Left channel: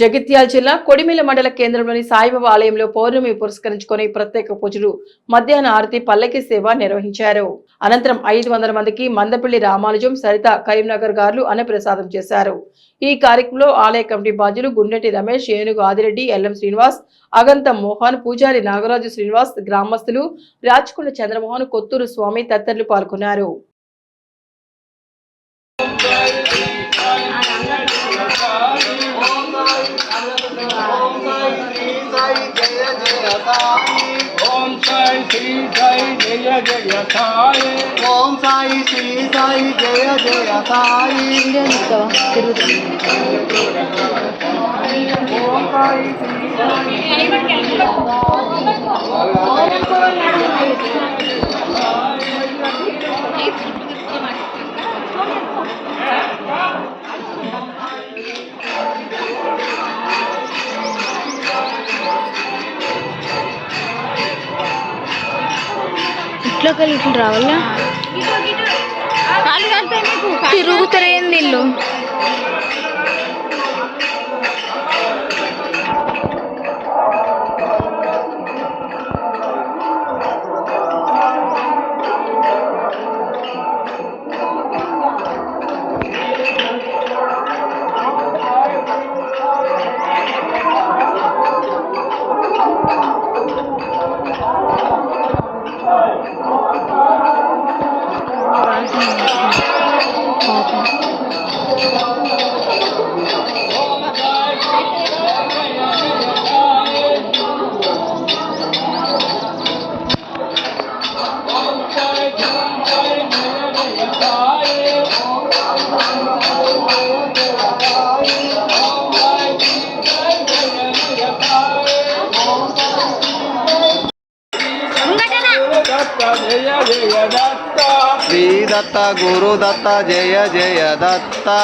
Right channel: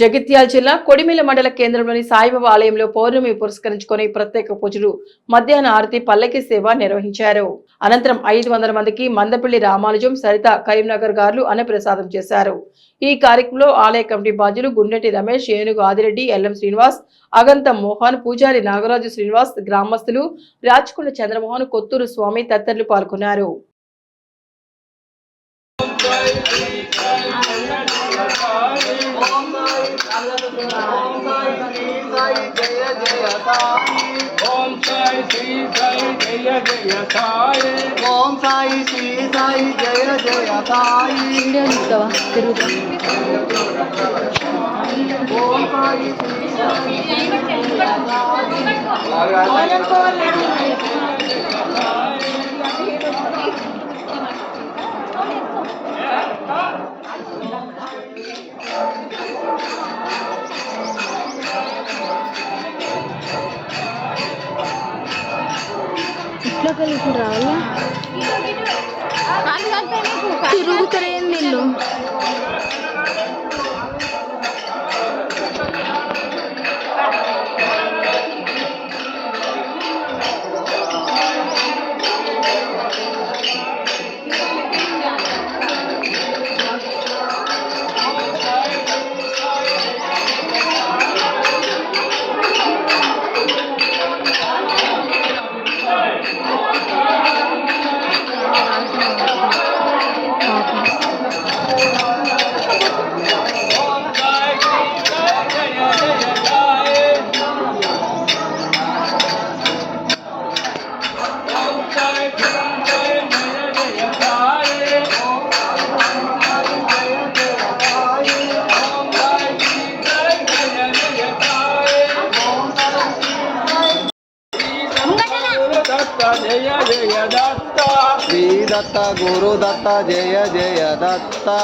జగిత్యాల జిల్లా కొడిమిల మండల కేంద్రంలోని సాయిబాబా ఆలయంలో పౌర్ణమి పురస్కరించుకొని ప్రత్యేక పూజలు, మధ్యాహ్న ఆరతి, పల్లకి సేవ నిర్వహించారు. అనంతరం 500 మందికి మందపల్లి రామానుజం, సరిత, కరీంనగర్ గారు అన్నప్రసాదం చేశారు. ఈ కార్యక్రమంలో ఆలయ కమిటీ బాధ్యులు గుండెటి రమేష్, ఏనుగు ఆదిరెడ్డి, ఎల్ఎం శ్రీనివాస్, అగంత మోహన్, పూజారి నాగరాజు శ్రీనివాస్, గ్రామస్తులు రాచకొండ చంద్రమోహన్, కొత్తూరు స్వామి తదితరులు పాల్గొన్నారు. ఓం సాయి శ్రీ సాయి జయ జయ సాయి. ఓం సాయి శ్రీ సాయి జయ జయ సాయి. ఇట్లా ఇట్లా రావాలా తిరుగుతారేంది ఇల్లు. श्री दत्ता गुरु दत्ता जय जय दत्ता.